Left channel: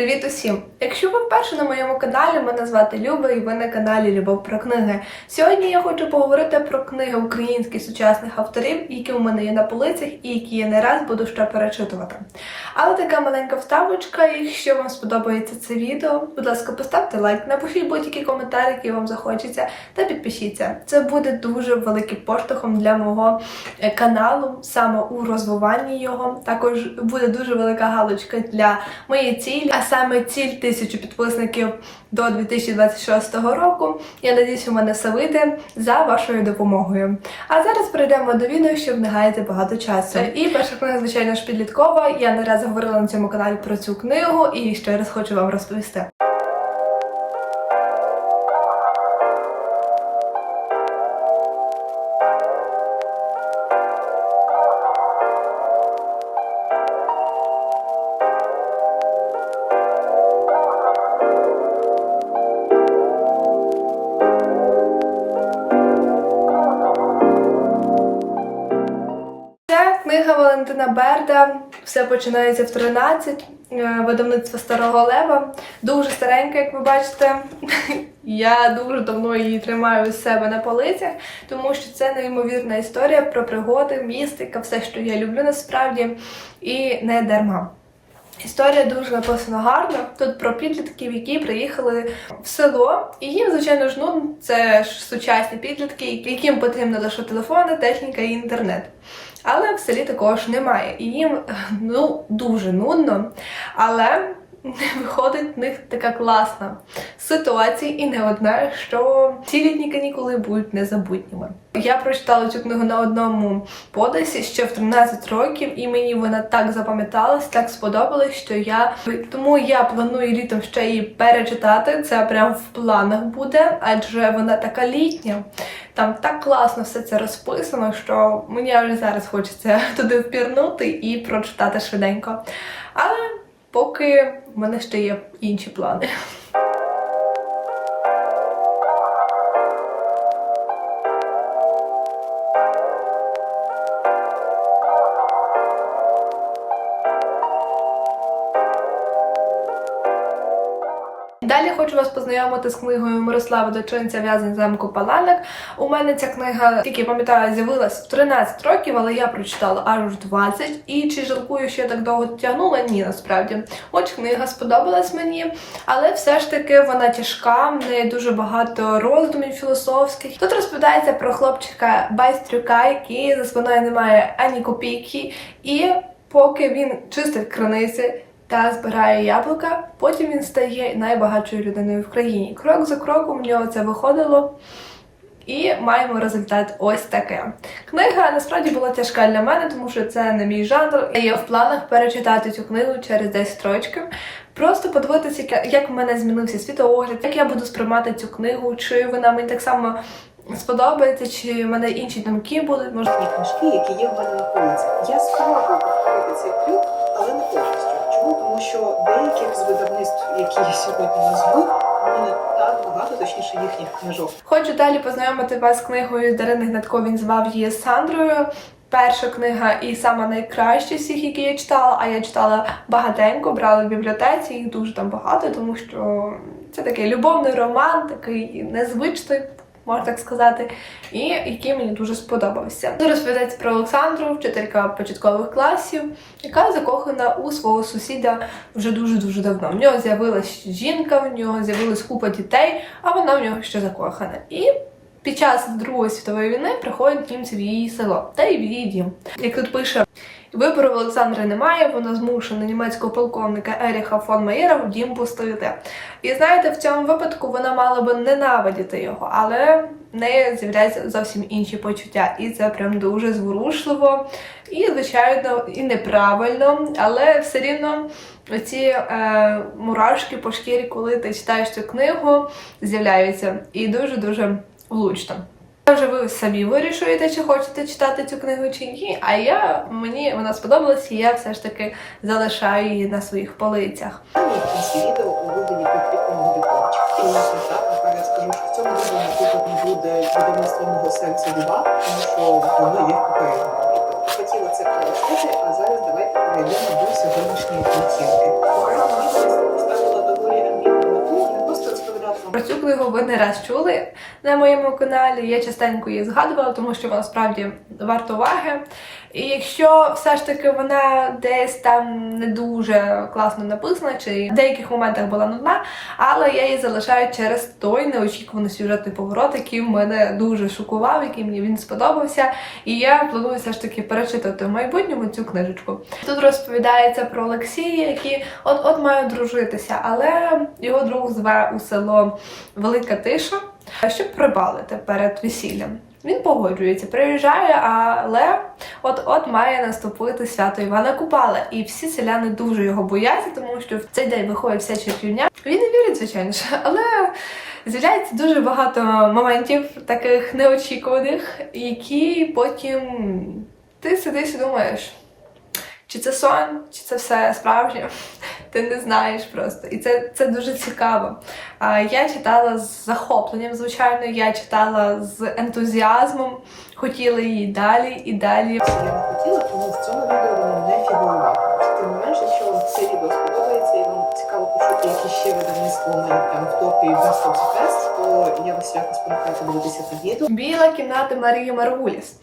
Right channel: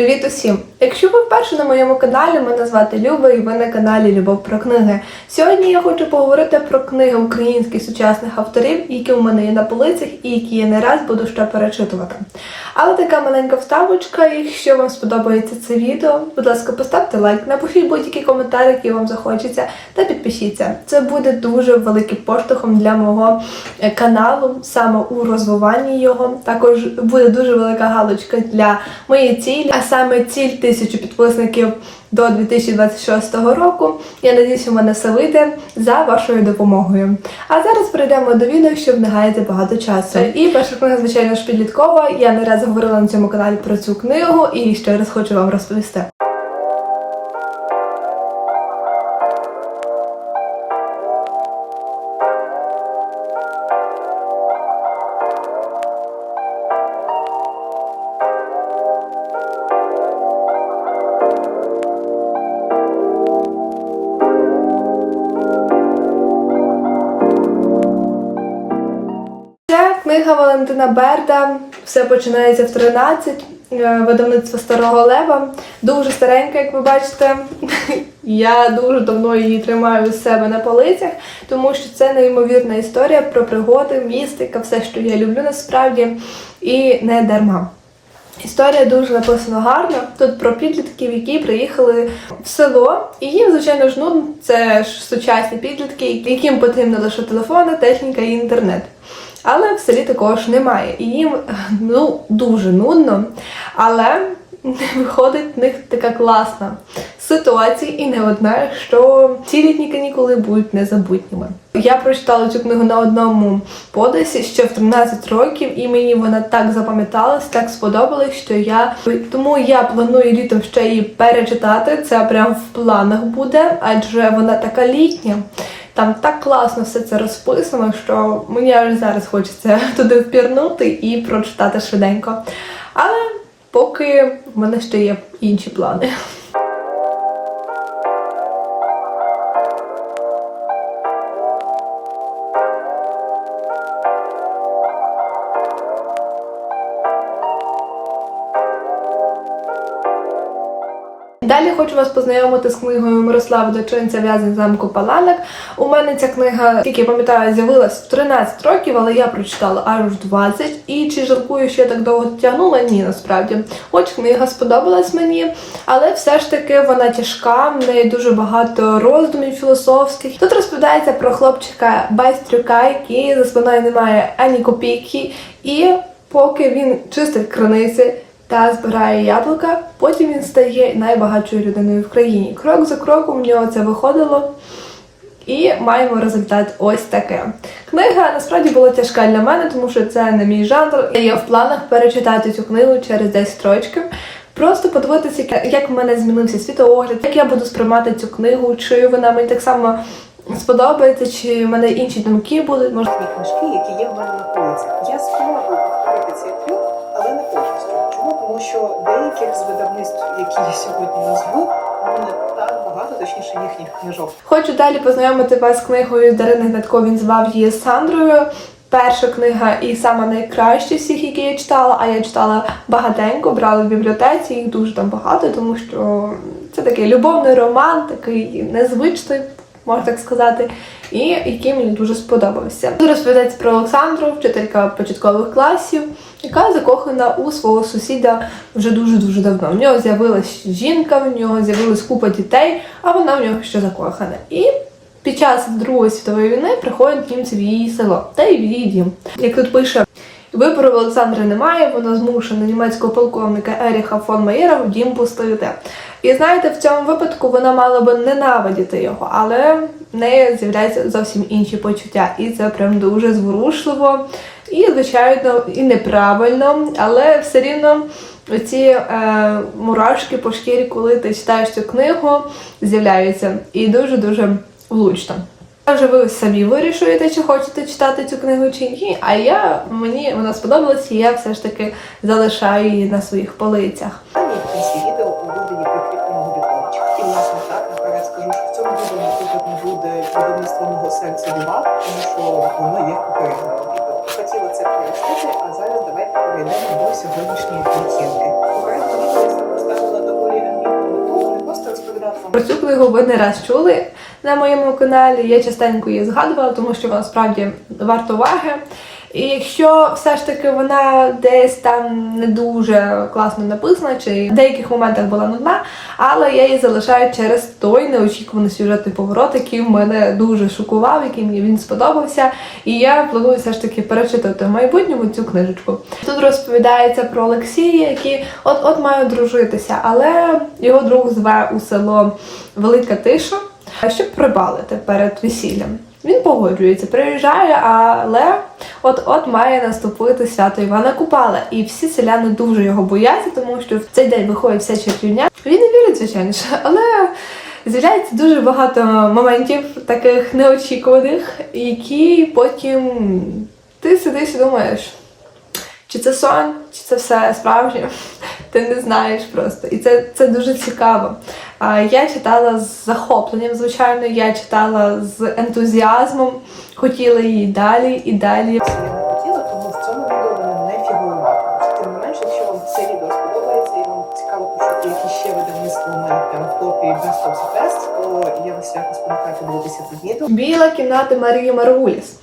Привіт усім! Якщо ви вперше на моєму каналі, мене звати Люба і ви на каналі Любов про книги. Сьогодні я хочу поговорити про книги українських сучасних авторів, які у мене є на полицях і які я не раз буду ще перечитувати. Але така маленька вставочка, якщо вам сподобається це відео, будь ласка, поставте лайк, напишіть будь-який коментар, який вам захочеться, та підпишіться. Це буде дуже великим поштовхом для мого е, каналу, саме у розвиванні його. Також буде дуже велика галочка для моєї цілі, саме ціль тисячу підписників до 2026 року. Я надіюсь, у мене все вийде за вашою допомогою. А зараз перейдемо до відео, щоб не гаяти багато часу. І перша книга, звичайно ж, підліткова. Я не раз говорила на цьому каналі про цю книгу і ще раз хочу вам розповісти. Книга Валентина Берда. Все починається в 13. е, Видавництво Старого Лева. Дуже старенька, як ви бачите. Я дуже давно її тримаю у себе на полицях, тому що це неймовірна історія про пригоди, містика, все, що я люблю насправді, і не дарма. Історія дуже написана гарно. Тут про підлітків, які приїхали в село, і їм, звичайно ж, нудно. Це ж сучасні підлітки, яким потрібно лише телефони, техніка і інтернет. Але в селі також немає. І їм ну дуже нудно. Але виходить в них така класна ситуація, і не одна, що ці літні канікули будуть незабутніми. Я прочитала цю книгу на одному подисі ще в 13 років, і мені вона так запам'яталась, так сподобалась, що я тому я планую літом ще її перечитати. Це прям в планах буде, адже вона така літня. Там так класно все це розписано, що мені вже зараз хочеться туди впірнути і прочитати швиденько. Але поки в мене ще є інші плани. Далі хочу вас познайомити з книгою Мирослава Дочинця В'язень замку Паланок. У мене ця книга, тільки я пам'ятаю, з'явилась в 13 років, але я прочитала аж в 20. І чи жалкую, що я так довго тягнула? Ні, насправді. Хоч книга сподобалась мені, але все ж таки вона тяжка, в неї дуже багато роздумів філософських. Тут розповідається про хлопчика Байстрюка, який за спиною не має ані копійки, і поки він чистить криниці та збирає яблука. Потім він стає найбагатшою людиною в країні. Крок за кроком в нього це виходило. І маємо результат ось таке. Книга насправді була тяжка для мене, тому що це не мій жанр. Я в планах перечитати цю книгу через 10 років. Просто подивитися, як- в мене змінився світогляд, як я буду сприймати цю книгу, чи вона мені так само сподобається, чи в мене інші думки будуть. Може, книжки, які є в мене на полицях. Я спробую Що деяких з видавництв, які я сьогодні назву, мене так багато, точніше їхніх книжок. Хочу далі познайомити вас з книгою Дарини Гнатко. Він звав її Сандрою. Перша книга і сама найкраща всіх, які я читала, а я читала багатенько, брала в бібліотеці, їх дуже там багато, тому що це такий любовний роман, такий незвичний, можна так сказати, і який мені дуже сподобався. Тут розповідається про Олександру, вчителька початкових класів, яка закохана у свого сусіда вже дуже-дуже давно. В нього з'явилась жінка, в нього з'явилась купа дітей, а вона в нього ще закохана. І під час Другої світової війни приходять німці в її село та й в її дім. Як тут пише, вибору в Олександра немає, вона змушена німецького полковника Еріха фон Маєра в дім пустити. І знаєте, в цьому випадку вона мала би ненавидіти його, але в неї з'являються зовсім інші почуття. І це прям дуже зворушливо, і, звичайно, і неправильно, але все рівно оці е, мурашки по шкірі, коли ти читаєш цю книгу, з'являються. І дуже-дуже влучно. Вже ви самі вирішуєте, чи хочете читати цю книгу чи ні. А я мені вона сподобалась, і я все ж таки залишаю її на своїх полицях. Про цю книгу ви не раз чули на моєму каналі. Я частенько її згадувала, тому що вона справді варта уваги. І якщо все ж таки вона десь там не дуже класно написана, чи в деяких моментах була нудна, але я її залишаю через той неочікуваний сюжетний поворот, який мене дуже шокував, який мені він сподобався. І я планую все ж таки перечитати в майбутньому цю книжечку. Тут розповідається про Олексія, який от-от має одружитися, але його друг зве у село Велика Тиша, щоб прибалити перед весіллям. Він погоджується, приїжджає, але от-от має наступити свято Івана Купала. І всі селяни дуже його бояться, тому що в цей день виходить вся чертівня. Він не вірить, звичайно ж, але з'являється дуже багато моментів таких неочікуваних, які потім ти сидиш і думаєш. Чи це сон, чи це все справжнє? Ти не знаєш просто. І це, це дуже цікаво. Я читала з захопленням, звичайно, я читала з ентузіазмом, хотіла її далі і далі. Хотіла, тому в цьому відео вона не фігурувала. Тим не менше, якщо вам це відео сподобається і вам цікаво почути, які ще у мене прям в топі Фест, то я вас свято спонукаю подивитися це відео. Біла кімната Марії Маргуліс.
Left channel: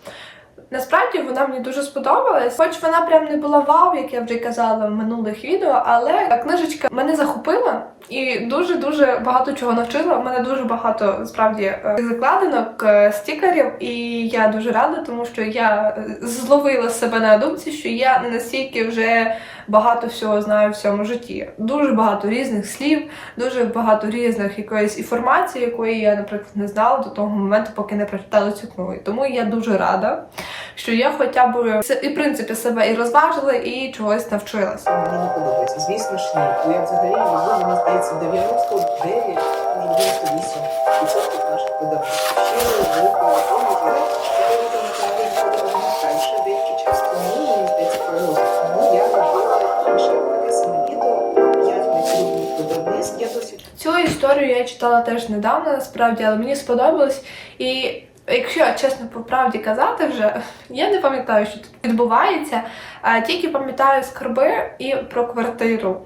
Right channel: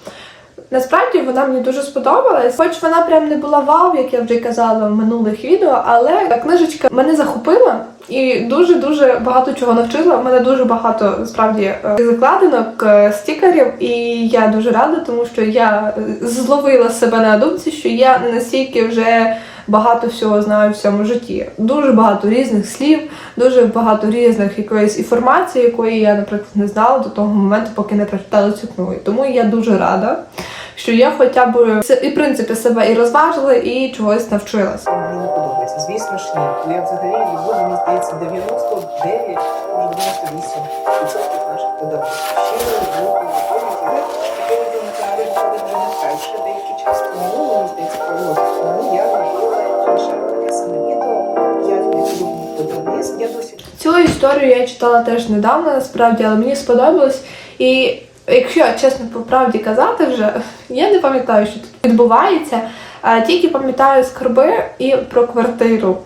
Насправді вона мені дуже сподобалась, хоч вона прям не була вау, як я вже казала в минулих відео, але книжечка мене захопила і дуже дуже багато чого навчила. У мене дуже багато справді е, закладинок, е, стікерів, і я дуже рада, тому що я е, зловила себе на думці, що я настільки вже багато всього знаю в цьому житті. Дуже багато різних слів, дуже багато різних якоїсь інформації, якої я, наприклад, не знала до того моменту, поки не прочитала цю книгу. Тому я дуже рада, що я хоча б і в принципі себе і розважила, і чогось навчилася. Мені подобається. Звісно ж, ні. Я взагалі люблю, мені здається, 99, може 98 відсотків наших видавництв. Ще не історію я читала теж недавно, насправді, але мені сподобалось. І якщо чесно по правді казати, вже я не пам'ятаю, що тут відбувається. Тільки пам'ятаю скарби і про квартиру.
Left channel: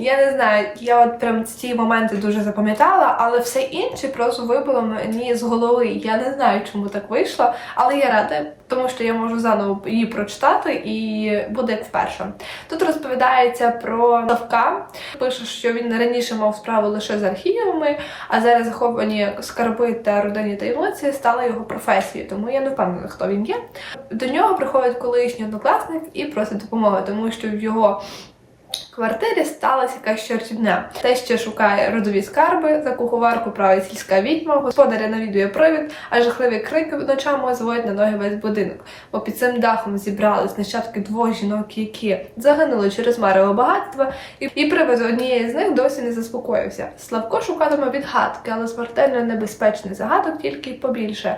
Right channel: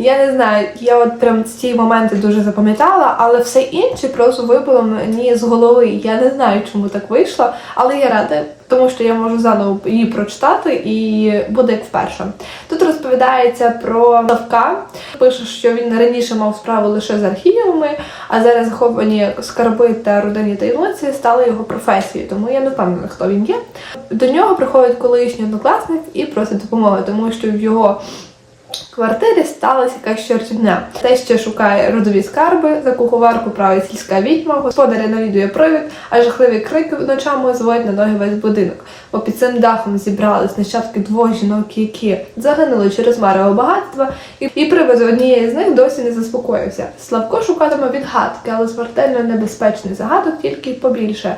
Я не знаю, я от прям ці моменти дуже запам'ятала, але все інше просто вибило мені з голови. Я не знаю, чому так вийшло, але я рада, тому що я можу заново її прочитати і буде як вперше. Тут розповідається про Лавка. Пише, що він раніше мав справу лише з архівами, а зараз заховані скарби та родинні таємниці стали його професією. Тому я не впевнена, хто він є. До нього приходить колишній однокласник і просить допомоги, тому що в його квартирі сталася якась чортівня. Те, що шукає родові скарби, за куховарку править сільська відьма, господаря навідує привід, а жахливі крики ночами зводять на ноги весь будинок. Бо під цим дахом зібрались нащадки двох жінок, які загинули через марево багатства, і, і привид однієї з них досі не заспокоївся. Славко шукатиме відгадки, але смертельно небезпечний загадок тільки побільше.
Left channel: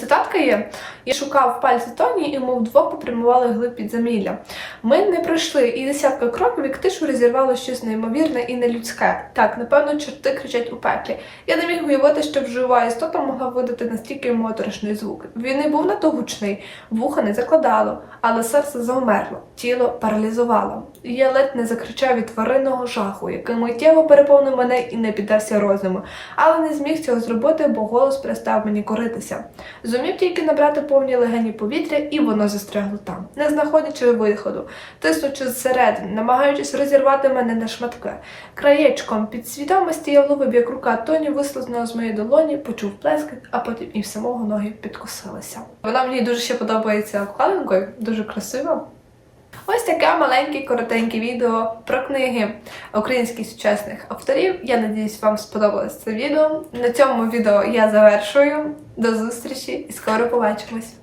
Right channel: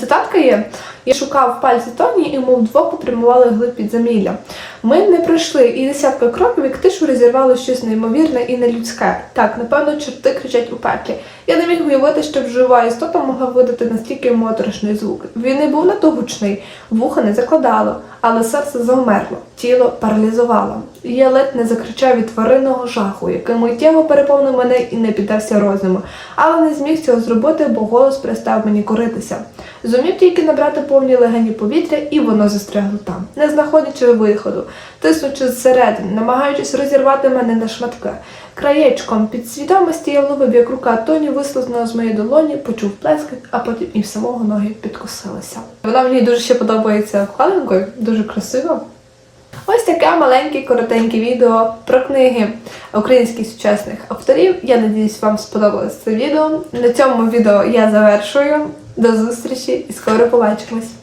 Цитатка є: я шукав пальці Тоні, і ми вдвох потримували глиб підземілля. Ми не пройшли і десятка кроків, як тишу розірвало щось неймовірне і нелюдське. Так, напевно, чорти кричать у пеклі. Я не міг уявити, що жива істота могла видати настільки моторошний звук. Він не був надто гучний, вуха не закладало, але серце завмерло, тіло паралізувало. Я ледь не закричав від тваринного жаху, який миттєво переповнив мене і не піддався розуму, але не зміг цього зробити, бо голос перестав мені коритися. Зумів тільки набрати повні легені повітря, і воно застрягло там, не знаходячи виходу, тиснучи зсередини, намагаючись розірвати мене на шматки. Краєчком під свідомості я вловив, як рука Тоні вислизнула з моєї долоні, почув плескіт, а потім і в самого ноги підкосилися. Вона мені дуже ще подобається обкладинкою, дуже красиво. Ось таке маленьке коротеньке відео про книги українських сучасних авторів. Я надіюсь, вам сподобалось це відео. На цьому відео я завершую. До зустрічі і скоро побачимось!